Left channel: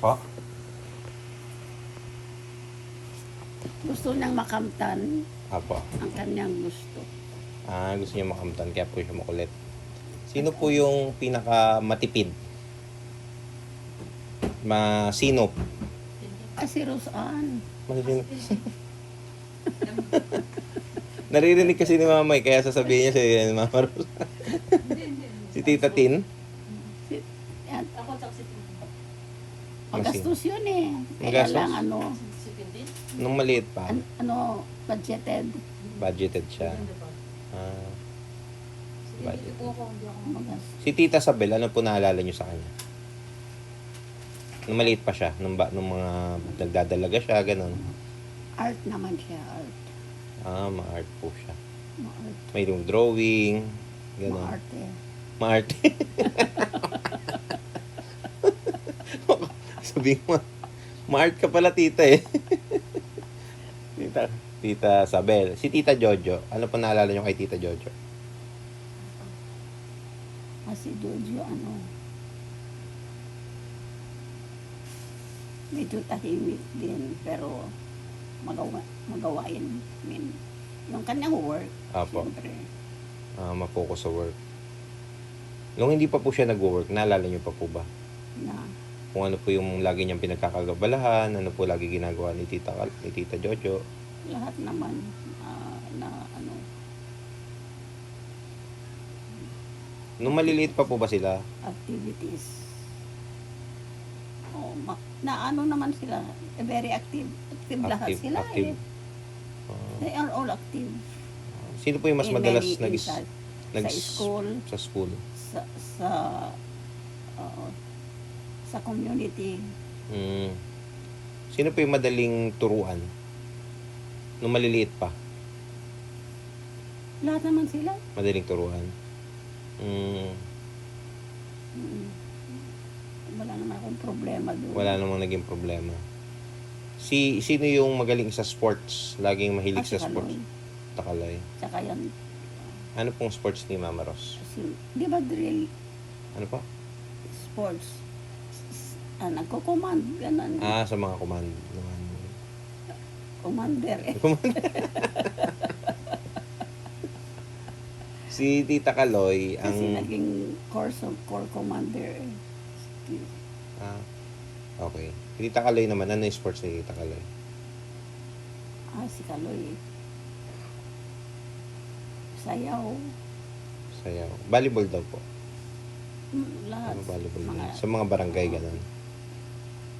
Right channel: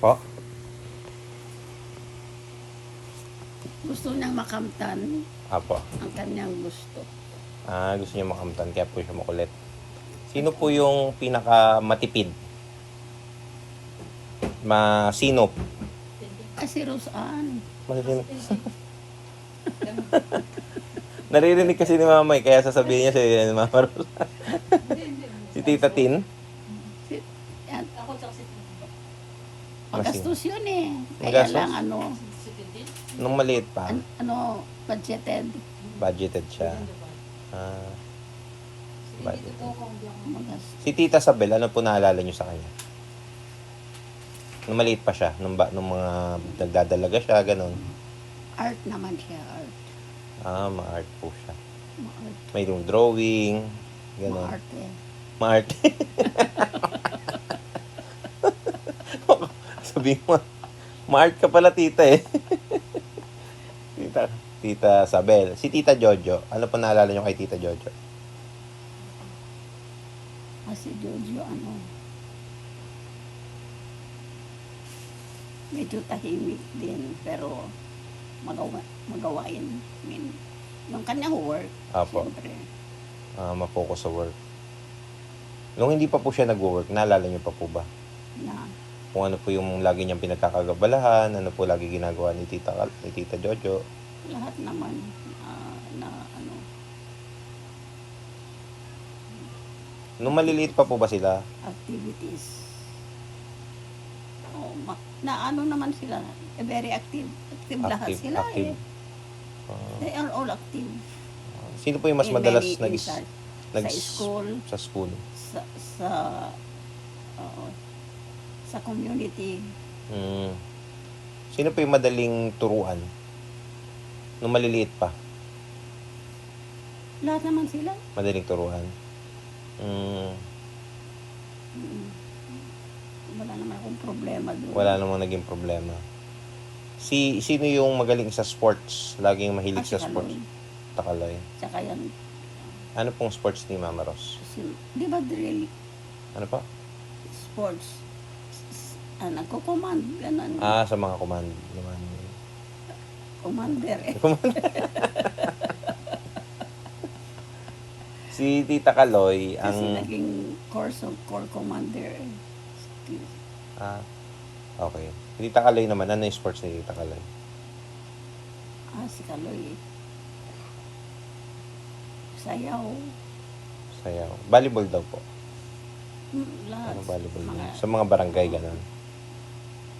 Po? Gusto niyang makamtan Apo. ang kanyang gusto. Gusto niya makamtan, kaya po siya makulit. Sino po yung pinaka matipid? Masinop? Si Roseanne. Maririnig. Naririnig kasi ni Mama kaya sasabihin niya si Mama Rose. Si Tita Tin? Si, yan, Ako tsaka si Tintin. magastos yun eh. Kaya Magastos? lang Si Tintin? Nung maliit pa, budgeted. budgeted siya. Ganda ba? Ah, Dito po ako, hindi ako Magastos. si Tita Sabel, ano po naalala niyo sa kanya? Nung maliit pa siya, nung mga nagdadalaga siya, ganun. Art naman siya, art. Ma-art po siya. Ma-art. May yung drawing, ganun. Ma-art eh. Ma-art. Sabihin mo, ma-art ka pala tita eh. Tita Sabel. Si Tita Jojo, ano pa naalala niyo kay Tita Jojo? Si Jojo, medyo tahimik din, pero magawain. I mean, yung kanyang work, Apo. siyempre, Ma-focus sa work. Nung hindi pa po siya nag-work, naalala niyo pa po ba? na Kung ano po yung lagi niyang pinagkakagabalahan, ano po lagi ginagawa ni Tita Jojo. lahat naman na Nung maliliit pa po ba sila? activities. Naman sila, very active. Active lahat sila active. They are all active. Sino po yung mas In madalas many instances. Sa school, Sa school. sa oo, sa community. Sino po yung madaling turuan? Nung maliliit pa, Lahat naman sila. madaling turuan. Mm. Wala naman akong problema doon. Wala namang naging problema. Sino yung magaling sa sports? Laging mahilig Si sa sports? Kaloy. Takaloy. Tsaka yan, Ano pong sports ni Mama Ros? di ba drill Ano pa? sports? Nagko-command, ganun. Sa mga naman. Commander eh. Si Tita Kaloy, Kasi naging core commander eh. Okay. Si Tita Kaloy naman, ano yung sports ni Tita Kaloy? Si Kaloy. Sayaw. Sayaw. Volleyball daw po. Lahat. Ano volleyball? Mga- Sa mga barangay, ganun.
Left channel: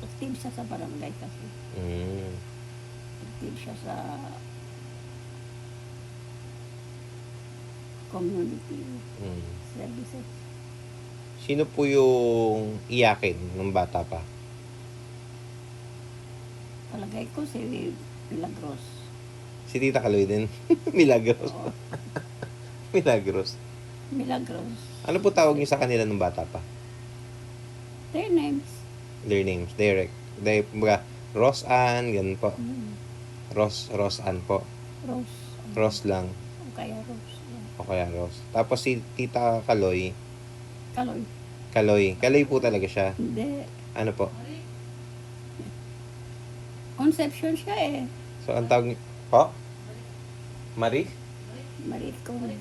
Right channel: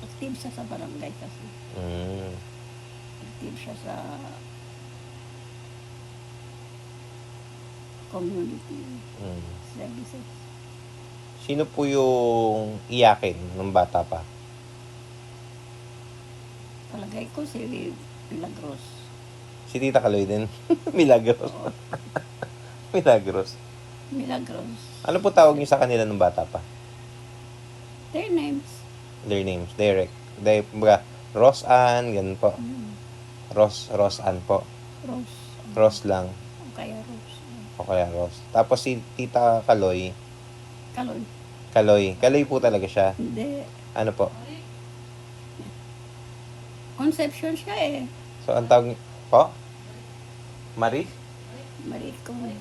Active siya sa barangay kasi. Active siya sa community services. Sino po yung iyakin ng bata pa? Palagay ko si Milagros. Si Tita Kaloy din. Milagros. Oo, Milagros. Milagros. Ano po tawag niyo sa kanila ng bata pa? Their names. Their names. Direct. Roseanne, ganun po. Roseanne po. Rose. Rose lang. O kaya Rose. O kaya Rose. Tapos si Tita Kaloy. Kaloy. Kaloy po talaga siya. Hindi. Ano po? Conception siya eh. So, ang tawag niyo po? Marik? Maricon.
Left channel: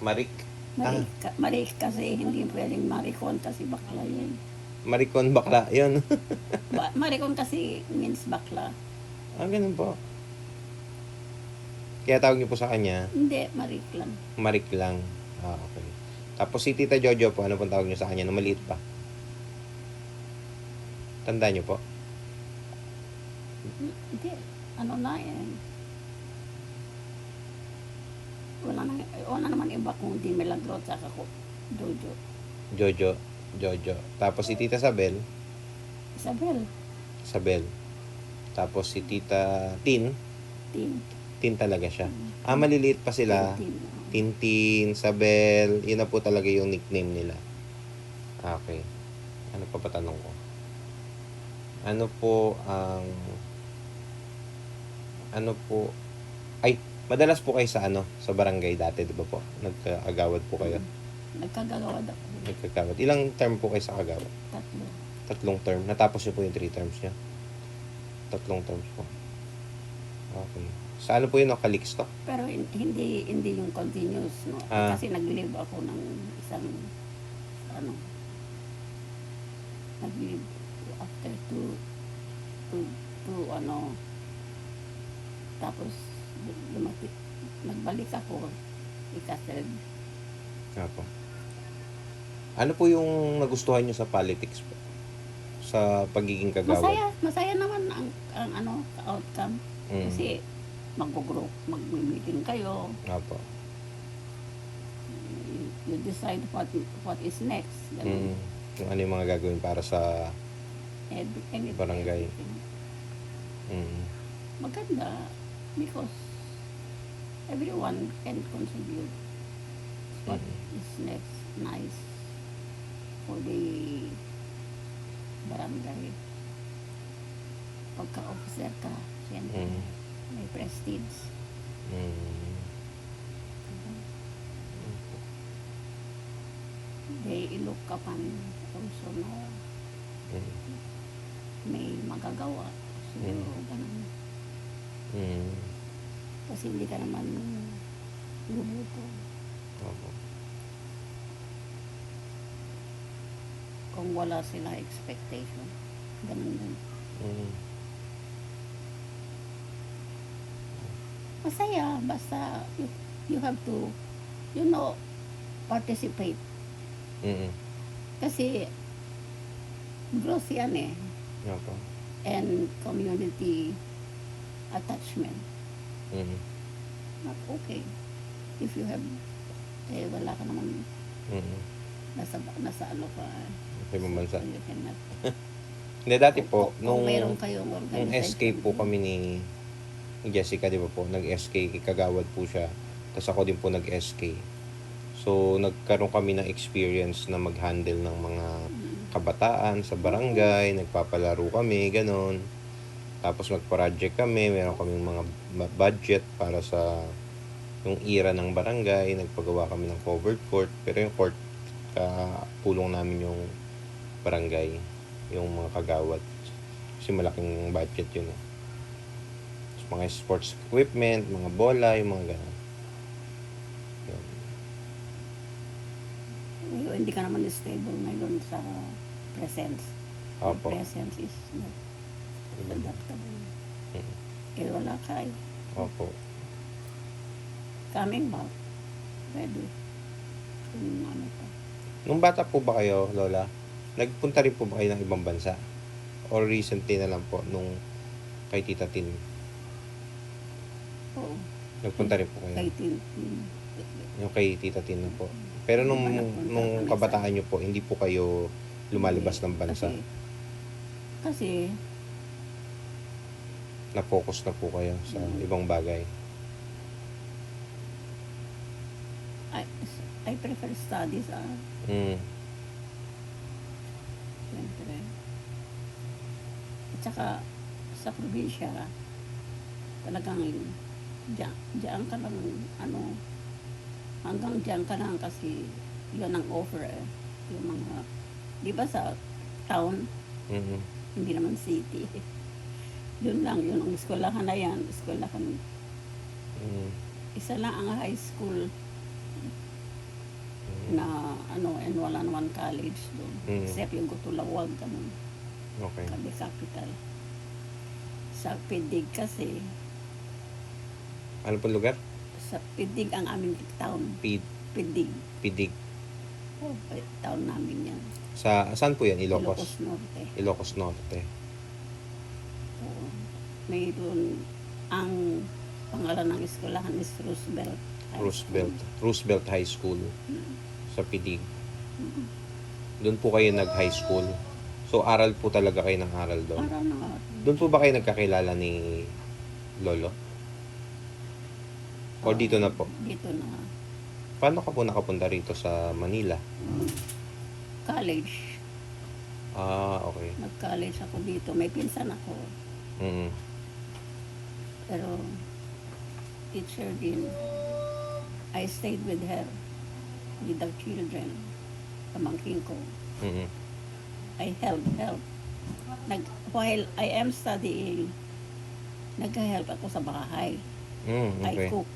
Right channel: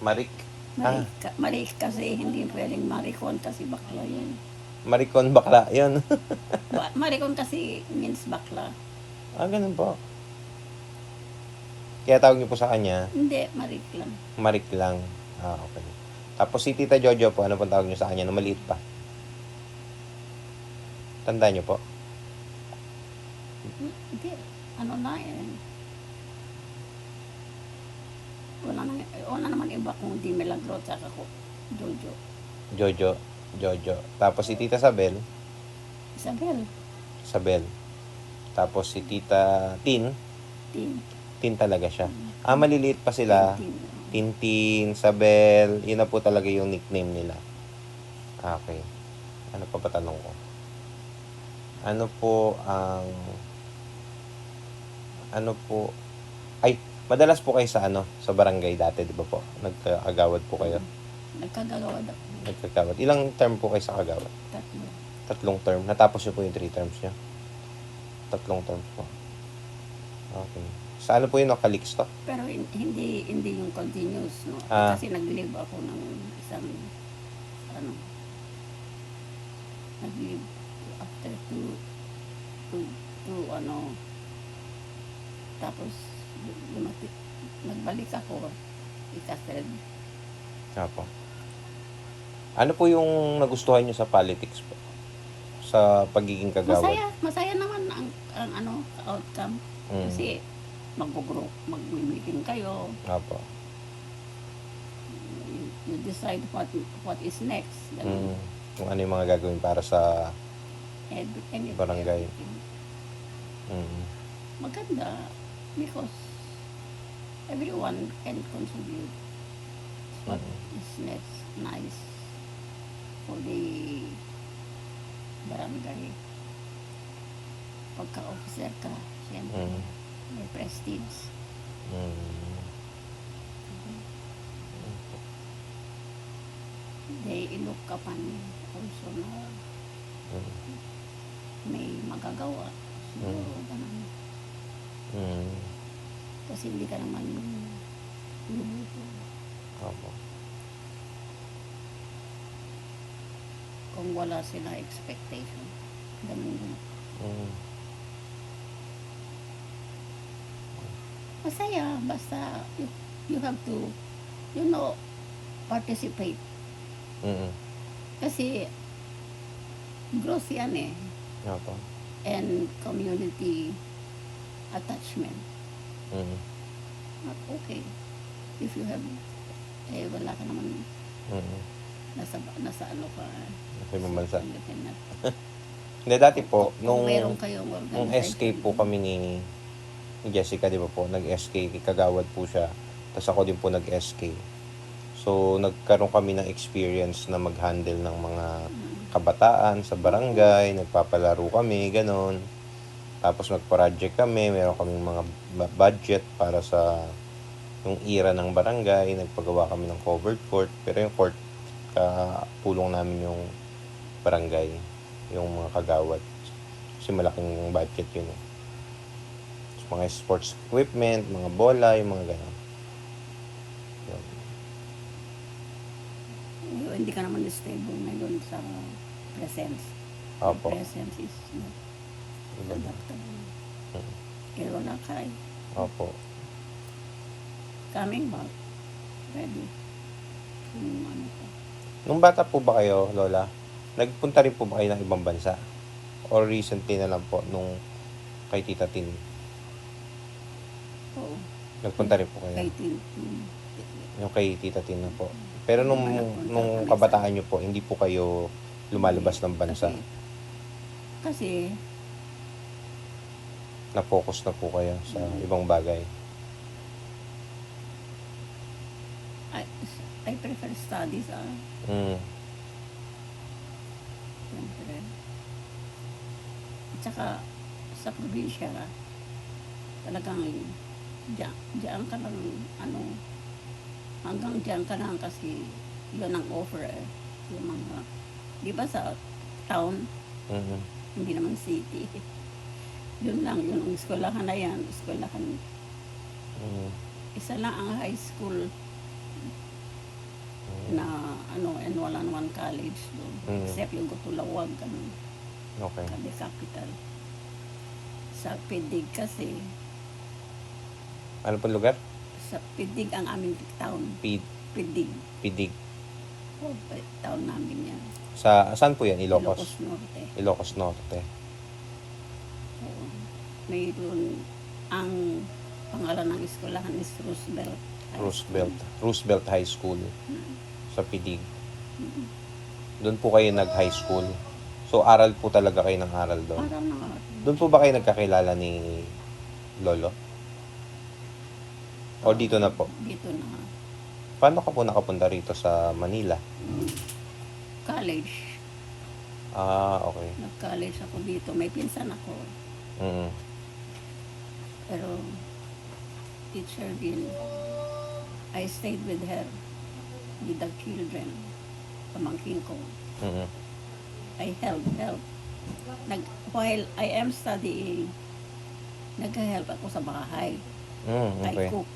Marik? Marik kasi hindi pwedeng Maricon kasi bakla yun. Maricon bakla. Yun. Maricon kasi means bakla. Ganun po. Kaya tawag niyo po sa kanya, Hindi, Marik lang. Marik lang. Okay. Tapos si Tita Jojo po, ano pong tawag niyo sa kanya na maliit pa? Tandaan niyo po? Hindi, ano na eh. Wala naman iba kung di Milagro tsaka ko Jojo. Jojo. Tapos si Tita Sabel. Isabel. Tapos si Tita Tin. Tin. Tin talaga siya. Maliliit pa sila. Tintin, Sabel. Yun na po talaga yung nickname nila. Okay. Ano pa ba tanong ko? Ano po ang... madalas po kayo sa sa barangay dati, di ba po? Nagkagawad po kayo. Nagkagawad ako. Nagkagawad. Ilang term po kayo sa kagawad? 3. Tatlong term. Natapos niyo po yung 3 terms niya? Tatlong terms po. Okay. Sa ano po yun, no? Calixto? Pero hindi yung continuous, no? Ah. Kasi nag-live ako ng isang, ano, nag-live after two, ano, tapos nagbalik ako, ika-third. Apo. Ano po yung nagustuhan niyo sa politics po? Sa pagiging kagawad? Masaya naman ang ano, outcome. Mm. Kasi mag-meeting kayo, Apo. you decide what is next. Ganun. Kung ano yung mga gagawin para sa barangay. Everything. Mm. Maganda because everyone can contribute what is next nice for the barangay. Pagka-officer ka, siyempre, may prestige. Mm. They look upon also na may magagawa. Siguro, ganun. Mm. Kasi hindi ka naman lumuto. Apo. Kung wala sila expectation. Ganun din. Mm. Masaya, basta you have to, participate. Mm. Kasi growth yan eh. Apo. And community attachment. Mm. Not okay. If you have, wala ka naman, Mm. nasa ano ka. Okay, mabansa. So you cannot. Hindi, dati po, Kung meron kayong nung organization. SK po kami ni Jessica, di ba po, nag-SK, kagawad po siya. Tapos ako din po nag-SK. So, nagkaroon kami ng experience na mag-handle ng mga kabataan sa barangay, nagpapalaro kami, ganon. Tapos nag-project kami, meron kami mga budget para sa yung era ng barangay, nagpagawa kami ng covered court, pero yung court, pulong namin yung barangay, yung mga kagawad. Kasi malaking budget yun. So, mga sports equipment, mga bola, yung mga ganon. Yun. Hindi ka naman stable ngayon sa presence. Opo. The presence is not adaptable. Eh, wala ka eh. Opo. Coming back, ready. Kung ano pa. Nung bata po ba kayo, Lola, nagpunta rin po ba kayo ng ibang bansa? Or recently na lang po, nung kay Tita Tin? Oo. Nagpunta rin po kayo? Kay Tin. Yung kay Tita Tin na po. Pero nung kabataan nyo po, hindi po kayo lumalabas ng bansa? Kasi Na-focus na po kayo sa ibang bagay? I prefer studies, siyempre. At saka, sa probinsya, talagang diyan ka lang, hanggang diyan ka lang kasi yun ang offer eh. Yung mga, di ba sa town, hindi naman city. Yun lang, yun ang eskwelahan na yan, eskwelahan. Isa lang ang high school na and wala naman college doon. Except yung Gutulawag, Okay. Kabi capital. Sa Pidig kasi, Ano po lugar? sa Pidig ang aming town. Pidig. Pidig. Oh, town namin yan. Saan po yan? Ilocos Ilocos? Norte. Ilocos Norte. Oo. Mayroon ang pangalan ng eskwelahan is Roosevelt High School. Roosevelt High School Mm. sa Pidig. Doon po kayo nag-high school. So, aral po talaga kayo ng aral doon. Para na. Doon po ba kayo nagkakilala ni Lolo? O dito na po? Dito na. Paano ka po nakapunta rito sa Manila? College. Okay. Nag-college ako dito. May pinsan ako. Pero, teacher din. I stayed with her. With the children. Pamangkin ko. I help. While I am studying, nag-help ako sa bahay. I Okay. cook.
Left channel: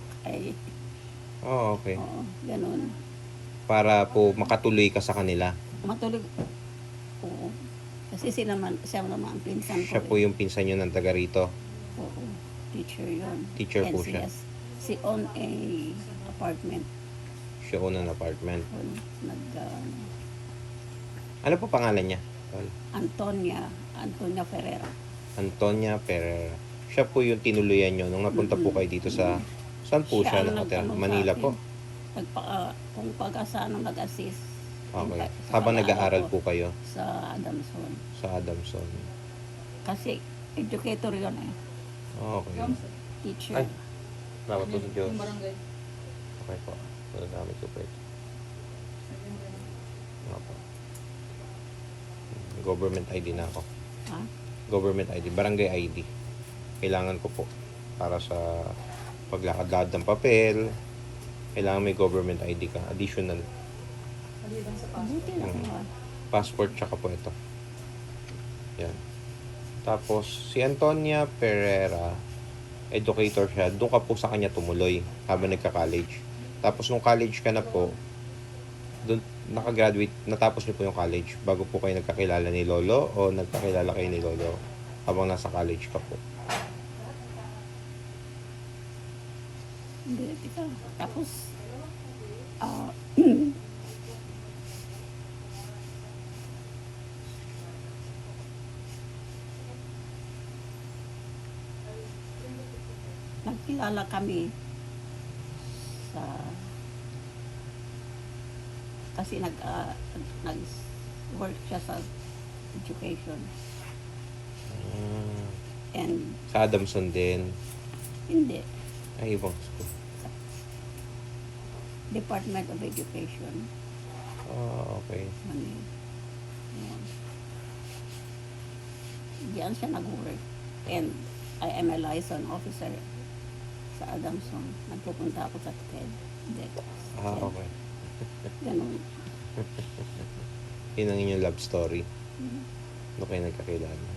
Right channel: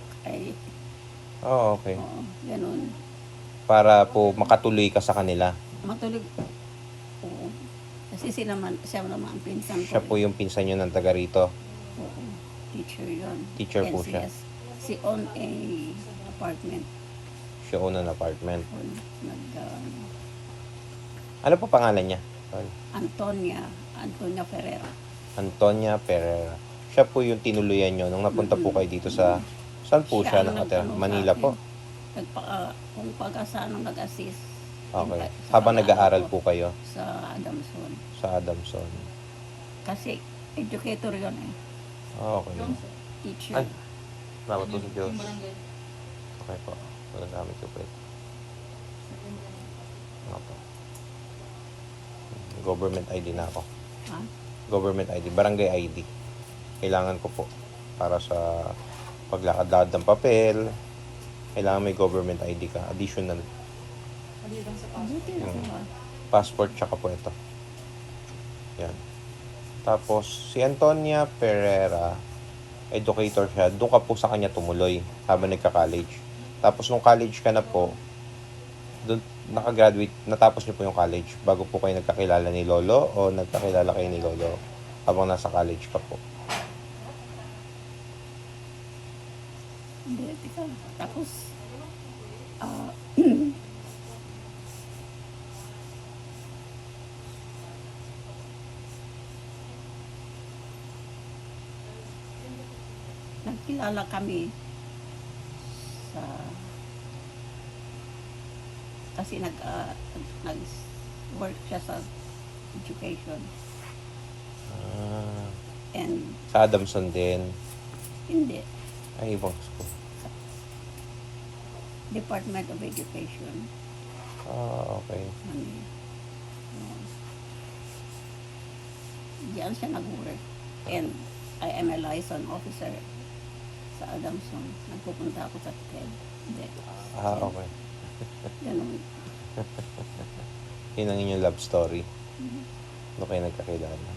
Oh, okay. Oo, ganun. Para po makatuloy ka sa kanila. Matulog. Oo. Kasi siya naman ang pinsan ko. Siya po yung pinsan nyo ng taga rito. Oo. Teacher yun. Teacher po siya. NCS. She own a apartment. Siya own an apartment. Nag, Ano po pangalan niya? Antonia Ferreira. Antonia Pereira. Siya po yung tinuluyan nyo nung napunta po kayo dito sa... Saan po siya ang nakatira? nag-ano sa Manila akin. po? Kung pag-asa nag-assist. Okay. Sa Habang pag-aaral nag-aaral ko po kayo sa Adamson. sa Adamson. Kasi educator yun eh. Okay. Teacher. Ay. Salamat po sa Diyos. Yung barangay. Okay po. Wala namin ko po. Okay. Government ID na ako. Ha? Government ID. Barangay ID. Kailangan ko po. Para sa paglakad-lakad ng papel. Kailangan may government ID ka. Additional. Maliban sa passport. Buti na ako ha. Passport tsaka po ito. Yan. Tapos, si Antonia Pereira, educator siya. Doon ka po sa kanya tumuloy habang nagka-college. Tapos, nung college ka na po, doon nakagraduate, natapos niyo po yung college bago po kayo nagkakilala ni Lolo o nagkakilala kayo ni Lolo habang nasa college ka po. Hindi, tika. Tapos, nagkilala kami sa kasi nag-work siya sa education Ah, and sa Adamson din. hindi Ay, ibang school. Department of Education Ah, okay. Manila. Diyan siya nag-work and I am a liaison officer sa Adamson. Nagpupunta ako sa TED. Ah, okay. Ganun. Yun ang inyong love story. Doon kayo nagkakilala.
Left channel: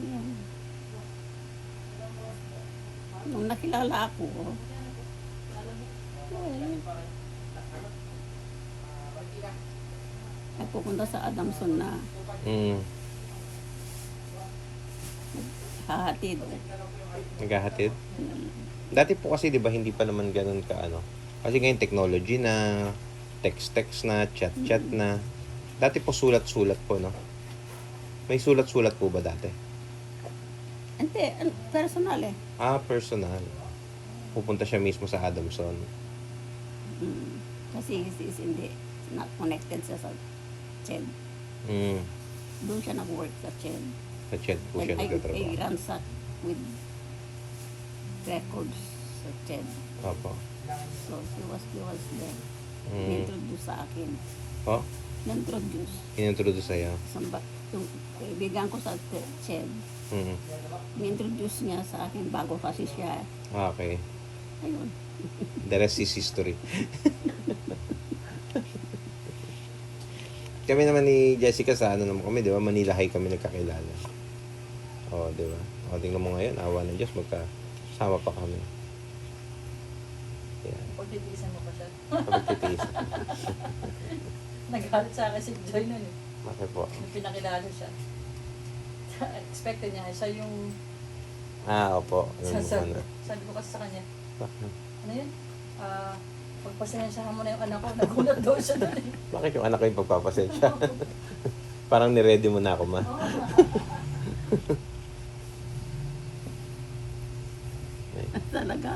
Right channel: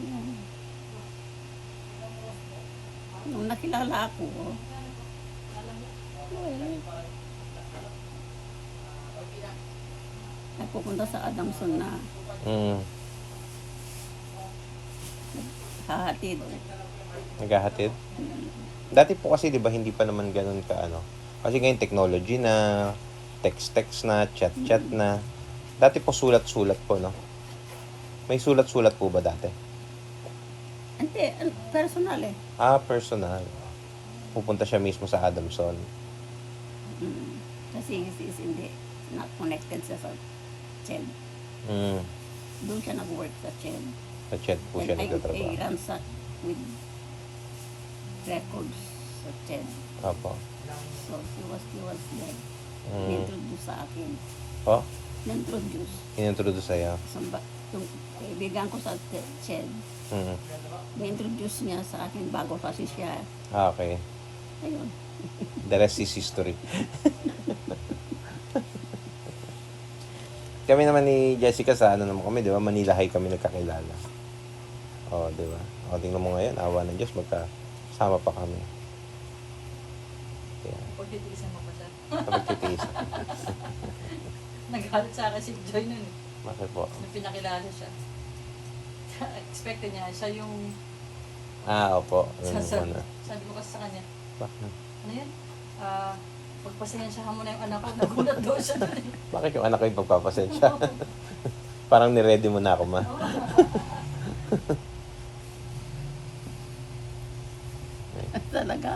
Yan. Nung nakilala ako, nagpupunta sa Adamson na hahatid. Naghahatid? Dati po kasi 'di ba hindi pa naman ganoon ka ano. Kasi ngayon technology na, text na, chat na. Dati po sulat-sulat po, no? May sulat-sulat po ba dati? Hindi, personal eh. Ah, personal. Pupunta siya mismo sa Adamson. Kasi hindi, not connected siya sa CHED. Doon siya nag-work sa CHED. Nag-chat po siya And I nagtatrabaho. ransack with records sa CHED. Opo. So, he was there. Mm. Ni-introduce sa akin. Oh, Ni-introduce. inintroduce sa'yo. Yung kaibigan ko sa CHED, Mm. ni-introduce niya sa akin bago kasi siya. Ah, okay. Ayun. The rest is history. Kami naman ni Jessica sa ano naman kami, di ba? Manila High kami nagkakilala. Oo, di ba? O, tingnan mo ngayon, awa ng Diyos, magkasama pa kami. Yeah. Pagtitiisan mo pa siya. Kapagtitiis. Nagalit sa akin si Joy nun eh. Bakit po? Nung pinakilala siya. Expected niya, siya yung Ah, opo. Yun, sasabi. ano. Sabi ko kasi sa kanya, Bakit? ano yan? Pagpasensyahan mo na yung anak ko, nagulat daw siya doon eh. Bakit yung anak ko yung pagpapasensya? Parang niready mo na ako, ma. Oo. Talaga.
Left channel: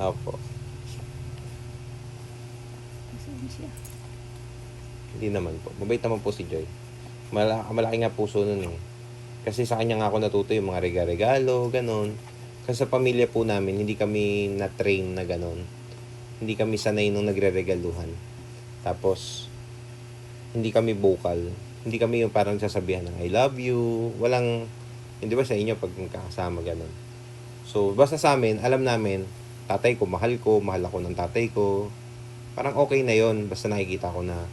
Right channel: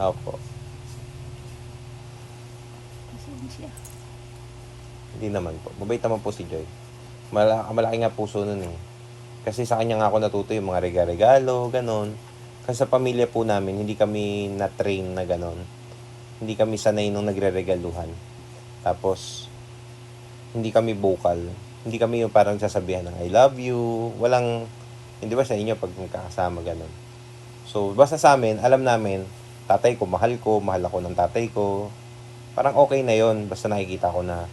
Opo. Pasensya. Hindi naman po. Mabait naman po si Joy. Malaki nga puso nun eh. Kasi sa kanya nga ako natuto yung mga regalo, ganon. Kasi sa pamilya po namin, hindi kami na-train na ganon. Hindi kami sanay nung nagre-regaluhan. Tapos, hindi kami vocal. Hindi kami yung parang sasabihan ng I love you. Walang, hindi ba sa inyo pag magkakasama ganon. So, basta sa amin, alam namin, tatay ko, mahal ako ng tatay ko. Parang okay na yon basta nakikita ko na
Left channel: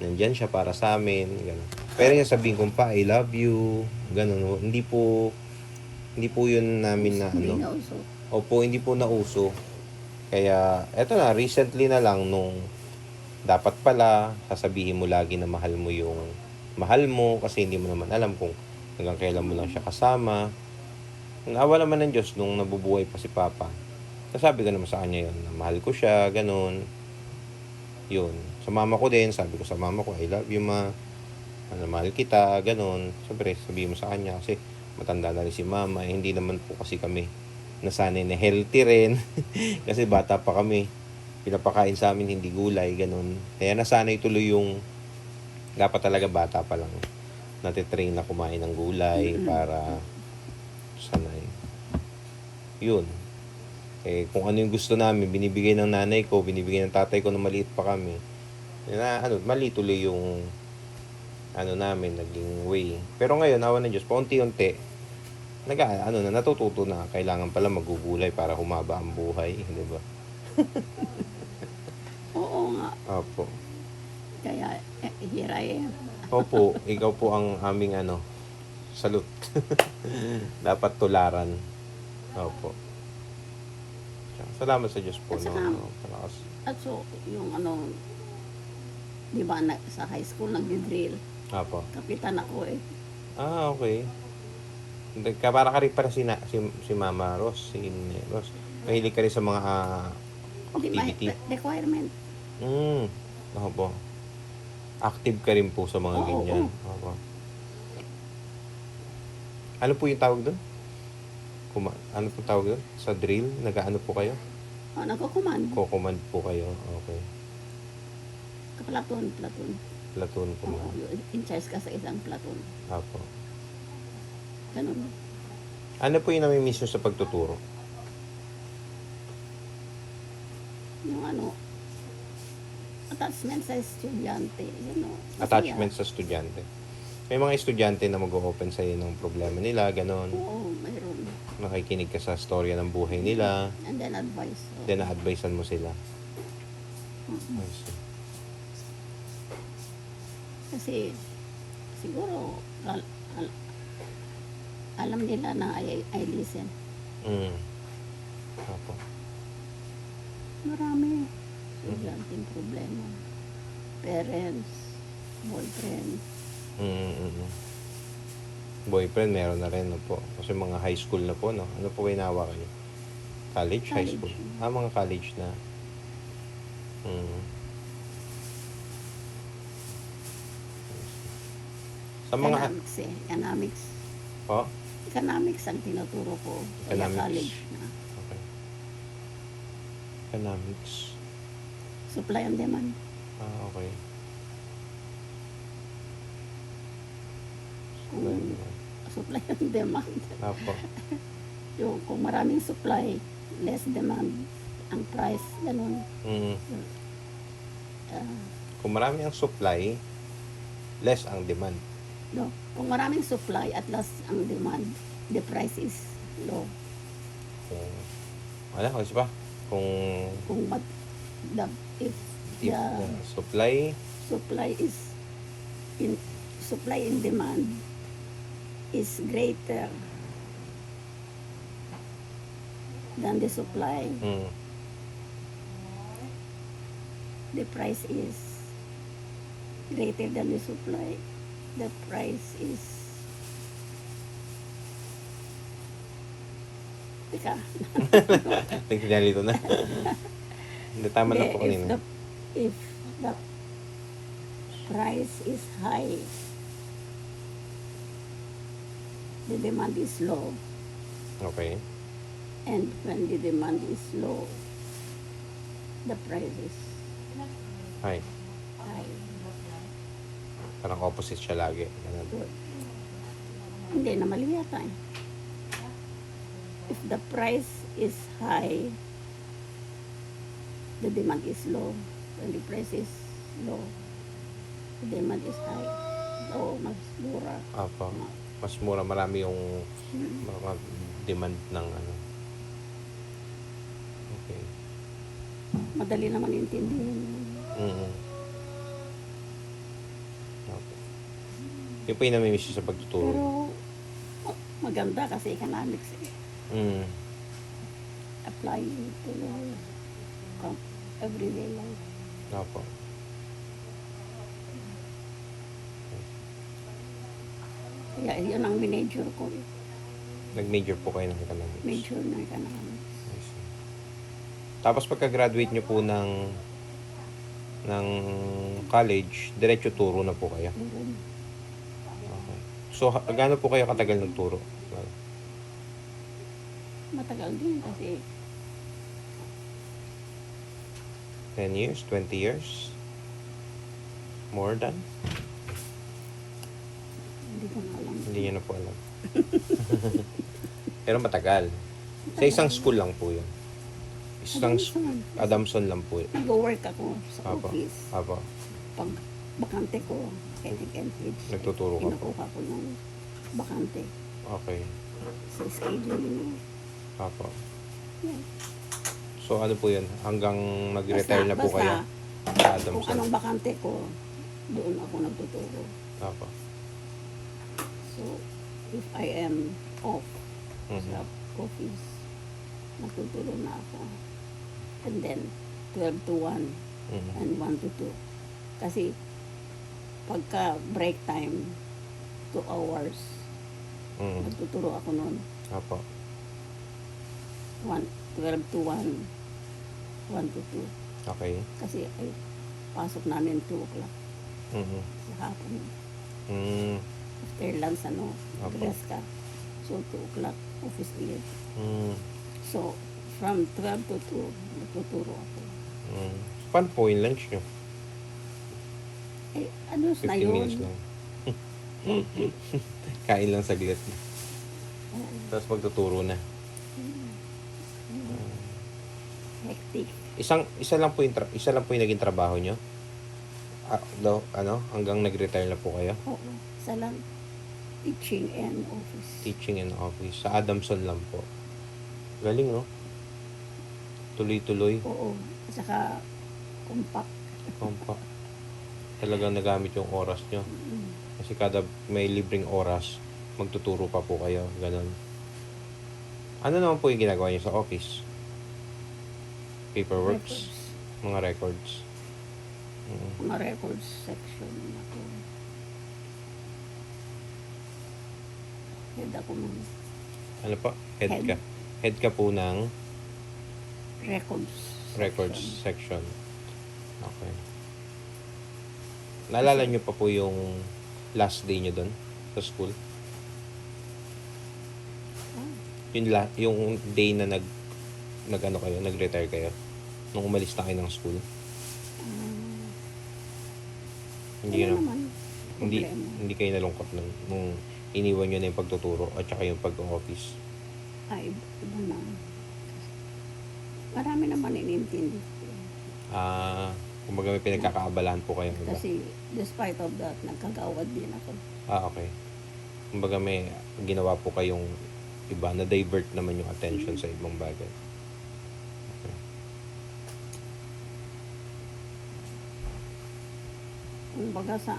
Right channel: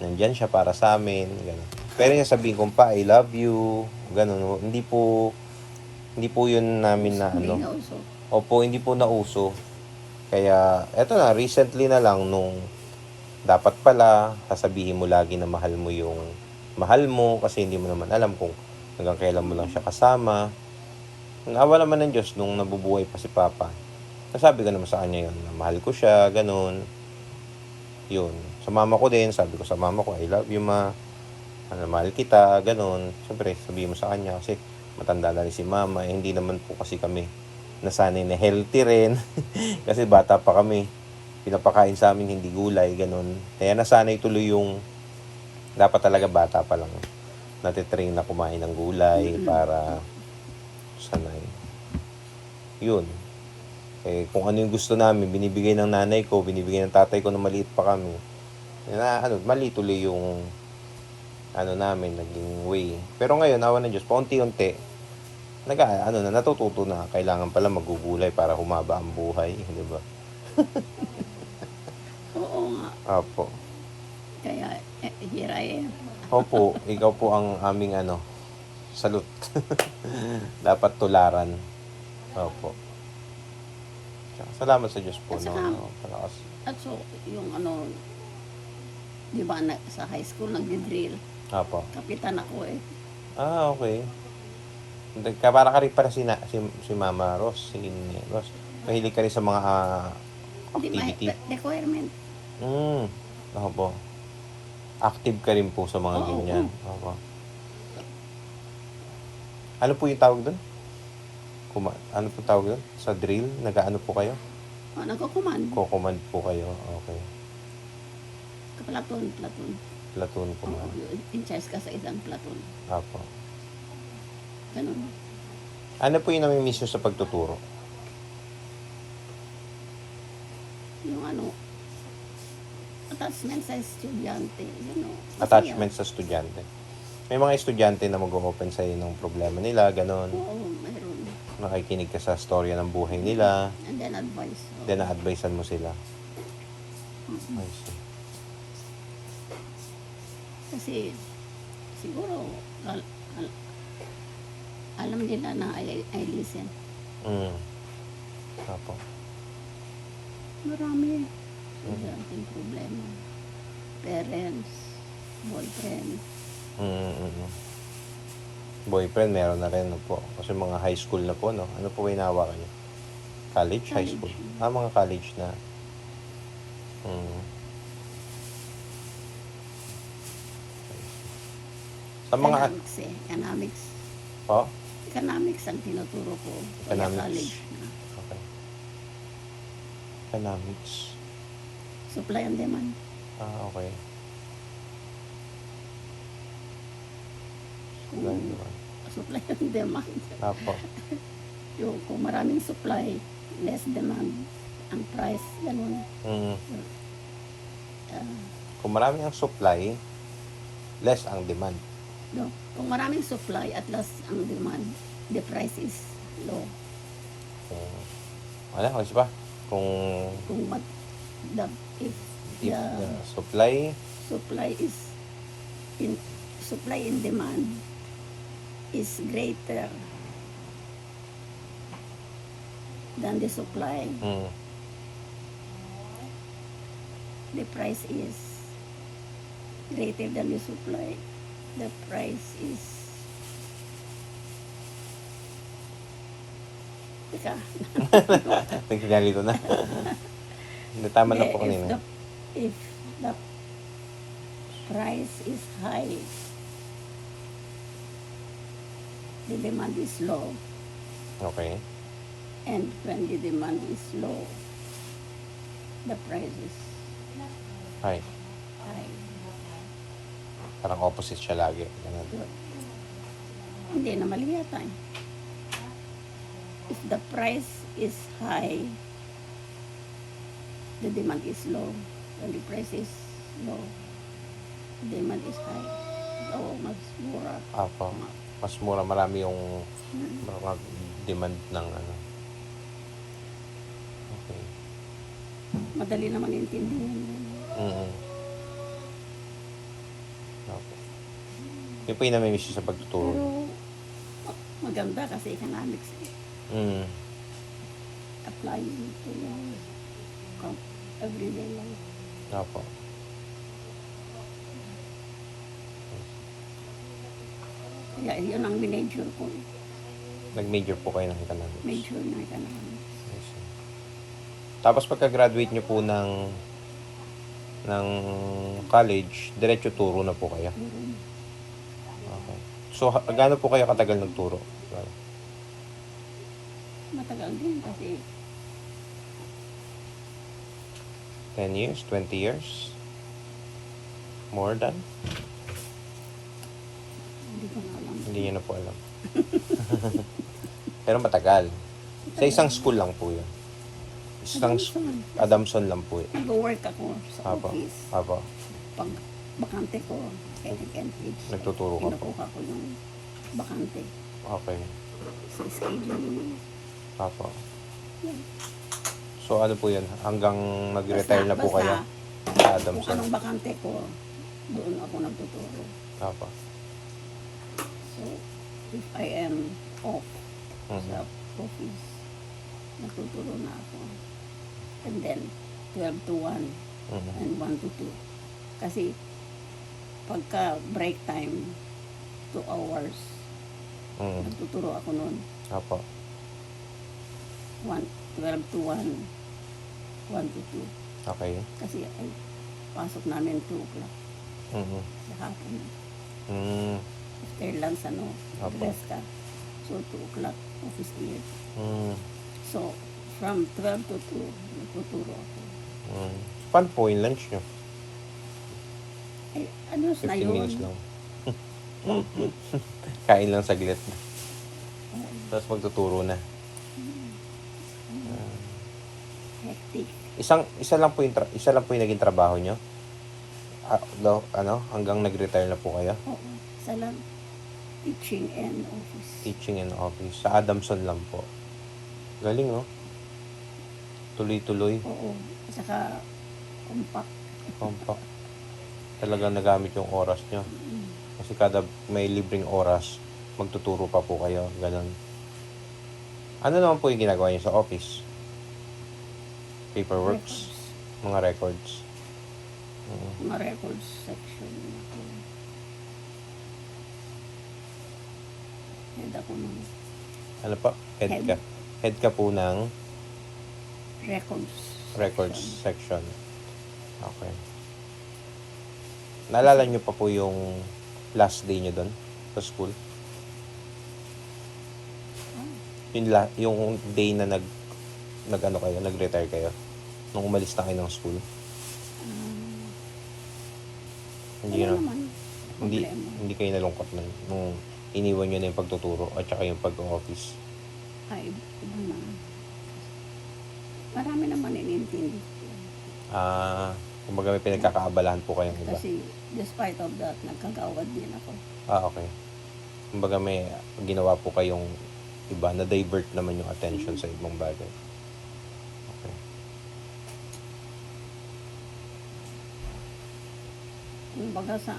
Nandyan siya para sa amin, gano'n. Pero yung sabihin kong pa, I love you, gano'n. Hindi po yun namin na Hindi ano. na uso. Opo, hindi po nauso. Kaya, eto na, recently na lang nung dapat pala, sasabihin mo lagi na mahal mo yung mahal mo kasi hindi mo naman alam kung hanggang kailan mo lang siya kasama. Awa naman ng Diyos nung nabubuhay pa si Papa. Nasabi ko naman sa kanya yun, na mahal ko siya, ganun. Yun. Sa mama ko din, sabi ko sa mama ko, I love you, ma. Ano, mahal kita, ganun. Siyempre, sabihin mo sa kanya kasi matanda na rin si mama. Eh, hindi naman po kasi kami nasanay na healthy rin. Kasi bata pa kami. Pinapakain sa amin hindi gulay, ganun. Kaya nasanay tuloy yung dapat talaga bata pa lang. Natitrain na kumain ng gulay para sanay. Yun. Eh, kung ano yung gusto namin, binibigay ng nanay ko, binibigay ng tatay ko na maliit pa kami. Mali tuloy yung namin, naging way. Pero ngayon, awa ng Diyos, paunti-unti, natututo na. Kailangan pala magugulay para humaba ang buhay. Di ba? Oo nga. Opo. Kaya, here I am. Opo, ikaw po ang aming salute. Dapat tularan. Opo. Salamat sa Diyos po. At saka, Palakas. at so, yung di ba sa high school nagdi-drill. Opo. Kapitan ako eh. Okay. Para ka rin para si Mama Ros, si Ros. Mahilig ka rin sa mga Hindi activity. requirement. Opo. Active ka rin po sa mga Oo, ganyan. Opo. Ano po yung tawag doon? Ano po tawag doon? Sa drill? Nag-ano po kayo? Nagko-command. Ko-command po kayo. Okay. Platoon. Platoon po Oo, na. in charge ka sa isang platoon. Opo. Ganun. Ano po yung nami-miss nyo sa pagtuturo? Yung attachment sa estudyante. Masaya. Attachment sa estudyante. May mga estudyante na mag-open sa'yo ng problema nila, ganon. Oo, mayroon. Makikinig ka sa storya ng buhay nila. And then advice. Oo. Then, na-advisean mo sila. Mm. I see. Kasi, siguro, alam nila na I listen. Opo. Marami. Estudyanteng problema. Parents, boyfriend. Boyfriend, meron na rin, no po. Kasi mga high school na po, no? Ano po hinawa kayo? College? High College. school? Mga college na. Sa mga... Economics eh. Economics. Po? Economics ang tinuturo ko. Kaya Economics. college na. Okay. Economics. Supply and demand. Okay. Kung supply and demand. Apo. Yung kung maraming supply, less demand. Ang price, ganun. Kung marami ang supply, less ang demand. No? Kung maraming supply at less ang demand, the price is low. Kasi pa? Kung if the supply supply in demand is greater than the supply, the price is greater than the supply. The price is Teka. Nagsinyalito na. Hindi, tama na po kanina. If the price is high, the demand is low. Okay. And when the demand is low, the price is Hi. high. Parang opposite siya lagi. Ganun. Good. Hindi na mali yata eh. If the price is high, the demand is low. When the price is low, the demand is high. So, mas mura. Apo. Mas mura. Marami yung demand ng Okay. Madali naman intindihin. Yung po yung namimiss niyo sa pagtuturo. Pero maganda kasi economics Mm. applying to your everyday life. Opo. Kaya yun ang minajor ko. Nag-major po kayo ng economics. Major na economics. I see. Tapos pagka-graduate nyo po ng college, diretso turo na po kayo. Meron. Okay. So, gaano po kayo katagal nagturo? Matagal din kasi 10 years? 20 years? More than? hindi ko na alam. Hindi nyo na po alam. Pero matagal. Sa isang school lang po yun. Isang Adamson lang po yun. Nag-work ako sa Apo. office. Apo. Pag bakante ko, NH, Nagtuturo ka po. kinukuha ko yung bakante Okay. sa schedule. Apo. Yan. So ano po yun? Hanggang nag-retire na po kayo? Sa Kung Adamson. anong bakante ko, doon ako nagtuturo. Apo. So, if I am off Mhm. sa office, natuturo na ako. And then, 12 to 1 Mhm. and 1 to 2. Kasi, pagka break time, 2 hours, Mhm. nagtuturo ako noon. Apo. 12 to 1, 1 to 2. Okay. Kasi, ay, pasok namin 2 o'clock Mhm. sa hapon. Mm. After lunch, Apo. rest ka. So, 2 o'clock, office year. Mm. So, from 12 to 2, nagtuturo ako. Mm. Paano po yung lunch nyo? Eh, ano na 15 yun? minutes lang. Kain lang saglit. Tapos magtuturo na. Hectic. Isa lang po yung naging trabaho nyo? Hanggang nag-retire na po kayo? Oo. Isa lang. Teaching and office. Teaching and office. Sa Adamson lang po. Galing, oh. Tuloy-tuloy. Oo. At saka, compact. Compact. Talagang nagamit yung oras nyo. Kasi kada may libreng oras, magtuturo pa po kayo. Ganon. Ano naman po yung ginagawa niyo sa office? Paperworks? Records. Mga records? Mm. Mga records section ako. Head ako ng Ano pa? Head Head. ka. Head ka po ng records records section. section. Okay. Naalala niyo pa po yung last day niyo doon sa school? Ah, Yung day na nag-retire kayo? Nung umalis na kayo ng school? Hindi wala na, naman problema. hindi kayo nalungkot nung iniwan niyo na yung pagtuturo at saka yung pag-office. Ay, iba na. Marami naman inintindi ko. Kumbaga may pinagkakaabalahan po kayong iba. Kasi despite of that, nagkagawad din ako. Okay. Kumbaga may ginawa po kayong iba, na-divert naman yung attention sa ibang bagay. Okay. Kumbaga sa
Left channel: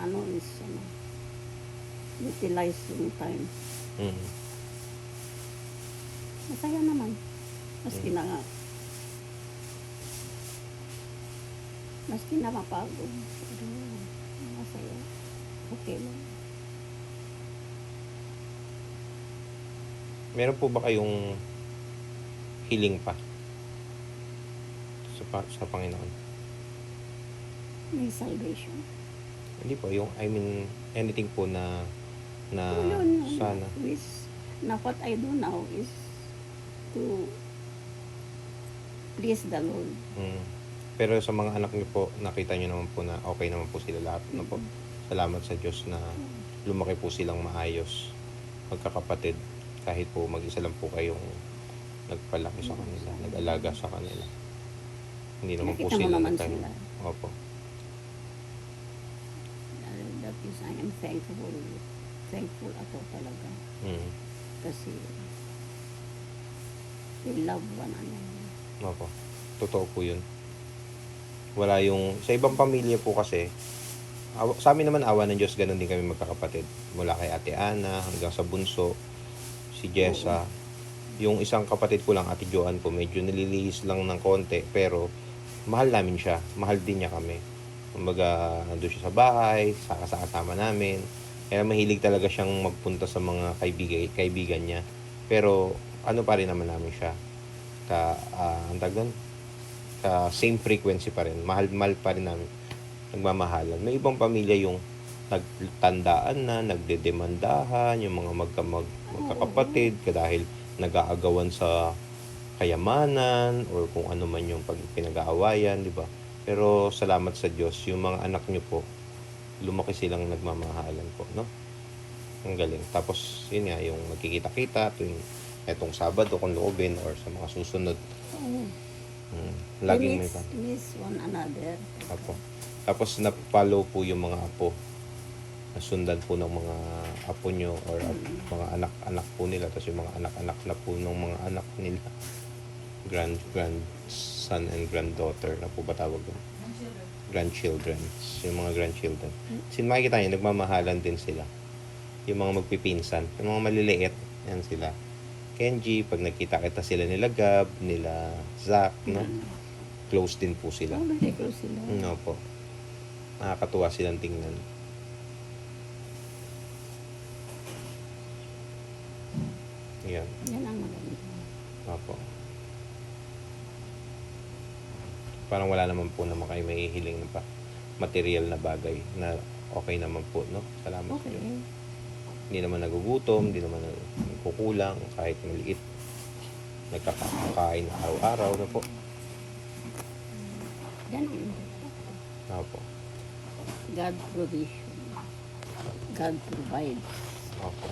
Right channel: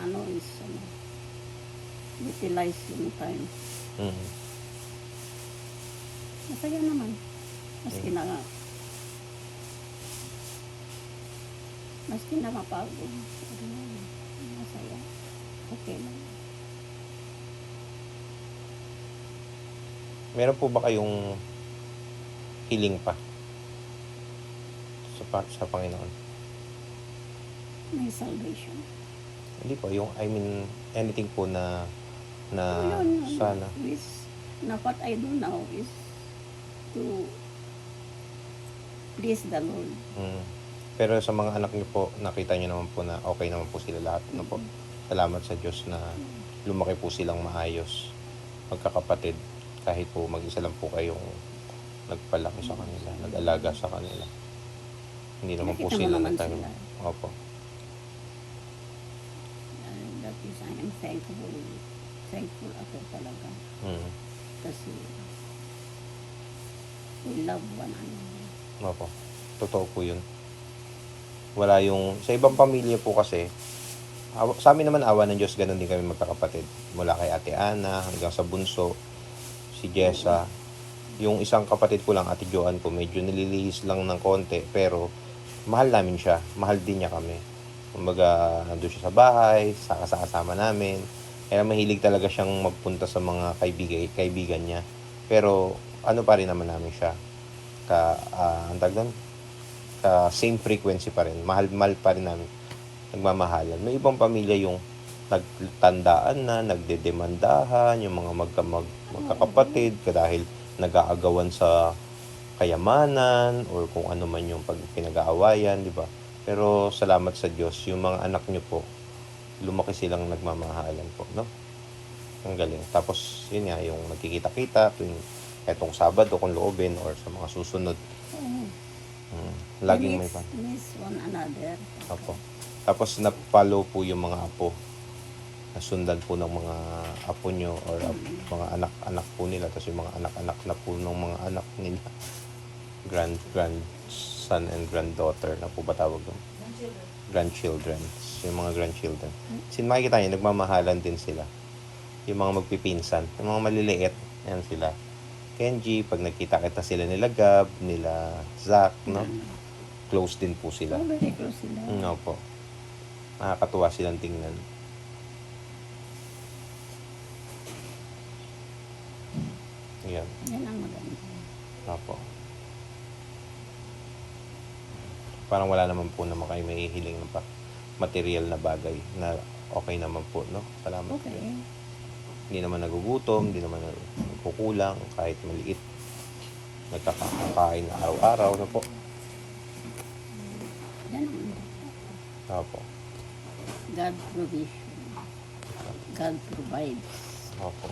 utilize yung time. Mm. Masaya naman. Maski na mapagod. Pero masaya. Okay lang. Meron po ba kayong hiling pa sa Panginoon? May salvation. Hindi po, anything po na Yun. sana. Na what I do now is to please the Lord. Mm. Pero sa mga anak niyo po, nakita niyo naman po na okay naman po sila lahat. No po? Salamat sa Diyos na lumaki po silang maayos. Magkakapatid. Kahit po mag-isa lang po kayong nagpalaki sa kanila, nag-alaga sa kanila. Hindi naman po Nakita mo sila naman nagtanim. sila. Opo. That is, I am thankful. Thankful ako talaga. Mm. Kasi we love one another. Opo. Totoo po yun. Wala yung... Sa ibang pamilya po kasi, Sa amin naman, awa ng Diyos, ganun din kami magkakapatid. Mula kay Ate Ana hanggang sa bunso, si Jessa. Yung isang kapatid ko lang, Ate Joan ko, medyo nililihis lang ng konti, pero mahal namin siya. Mahal din niya kami. Kumbaga, nandun siya sa bahay, kasama namin. Kaya mahilig talaga siyang magpunta sa mga kaibigan niya. Pero, ano pa rin naman namin siya. Ang tawag doon? Same frequency pa rin. Mahal pa rin namin. Nagmamahalan. May ibang pamilya yung nagtandaan na, nagdedemandahan, yung mga magkakapatid, dahil nag-aagawan sa kayamanan, or kung ano man yung pinag-aawayan, di ba? Pero salamat sa Diyos, yung mga anak niyo po, lumaki silang nagmamahalan po, no? Ang galing. Tapos, yun nga, yung nagkikita-kita, etong Sabado kung loobin, or sa mga susunod. Oo. Laging may Miss one another. Apo. Tapos na-follow po yung mga apo. Nasundan po ng mga apo nyo, or mga anak-anak po nila. Tapos yung mga anak-anak na po ng mga anak nila. Grandson and granddaughter na po ba tawag doon? Grandchildren. Yung mga grandchildren. Kasi makikita nyo, nagmamahalan din sila. Yung mga magpipinsan. Yung mga maliliit, yan sila. Kenji, pag nagkita-kita sila nila Gab, nila Zach, no? Close din po sila. Oh, very close sila. No po. Nakakatuwa silang tingnan. Yan. Yan ang maganda. Opo. Parang wala naman po naman kayo may hiling pa material na bagay na okay naman po, no? Salamat. Okay. Hindi naman nagugutom, hindi naman kukulang kahit maliit. Nagkakakain na araw-araw na po. Yan ang importante. Opo. God provision. God provides. Opo.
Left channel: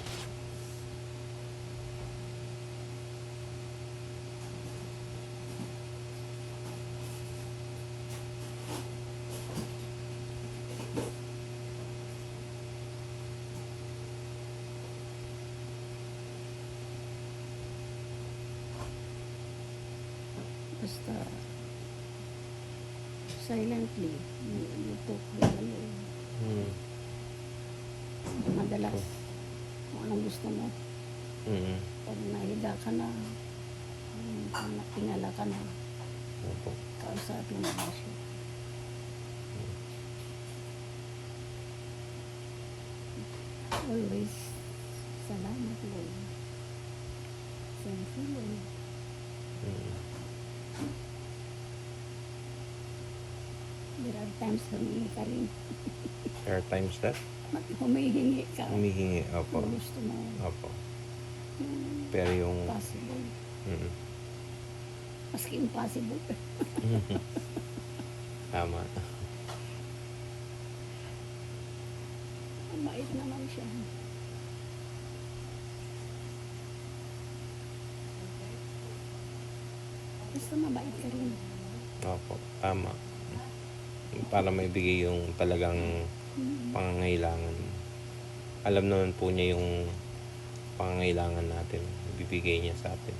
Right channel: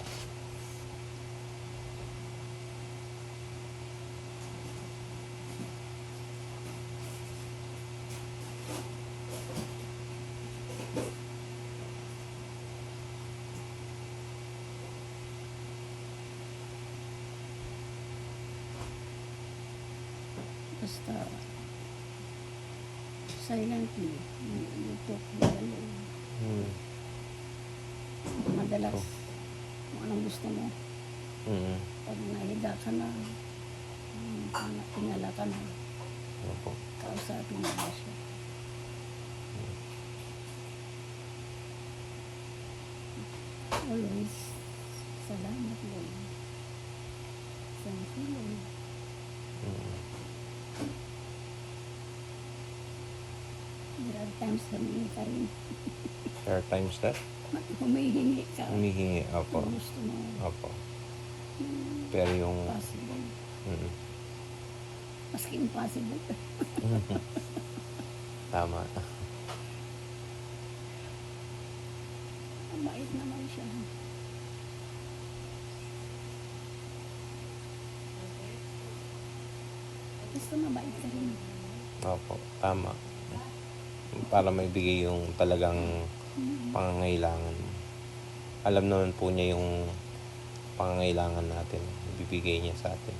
Basta silently, you talk with the Lord. Madalas, kung anong gusto mo, pag nahiga ka na, tingala ka na, Opo. kausapin mo na siya. Always, salamat Lord. Thank you Lord. There are times humingi ka rin. There are times that Humihingi ka. humihingi. Opo. Kung gusto mo. Opo. Yung Pero yung possible. mm, Maski impossible. tama. Ang bait naman siya. Basta mabait ka rin. Opo. Tama. Para maibigay yung talagang pangangailangan. Alam naman po niya yung pangangailangan natin. Ibibigay niya sa atin.